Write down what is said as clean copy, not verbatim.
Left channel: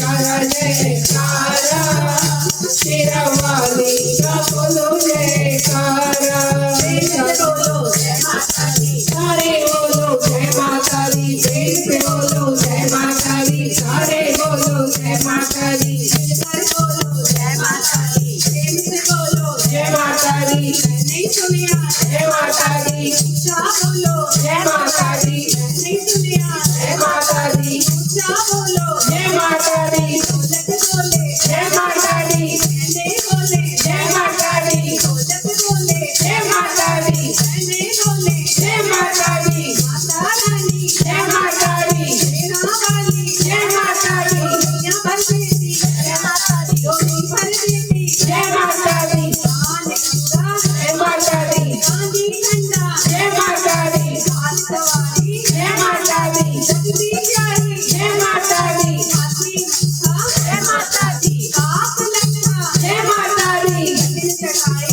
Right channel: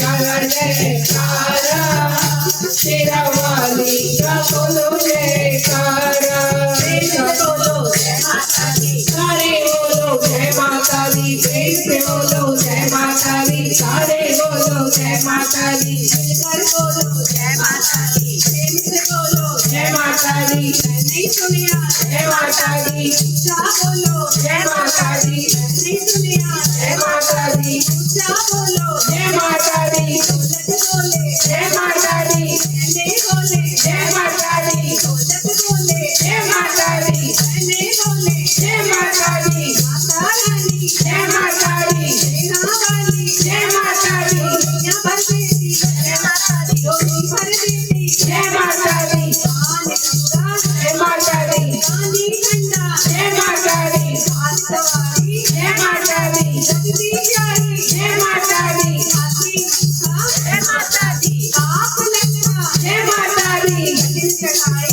जयकारा शेरावाली का बोलो जयकारा बोलो जय माता दी सारे बोलो जय माता दी प्रेम से बोलो जय माता दी सारे बोलो जय माता दी बोलो जय माता दी प्रेम से बोलो जय माता दी नहीं सुनिया जय माता दी बोलो जय माता दी नहीं सुनिया जय माता दी बोलो जय माता दी बोले जय माता दी बोले जय माता दी बोले जय माता दी बोले जय माता दी माता रानी जय माता दी वाली जय माता दी जय माता दी जय माता दी जय माता दी जय माता दी जय माता दी जगदी प्यारी जय माता दी जय माता दी आप लगना जय माता दी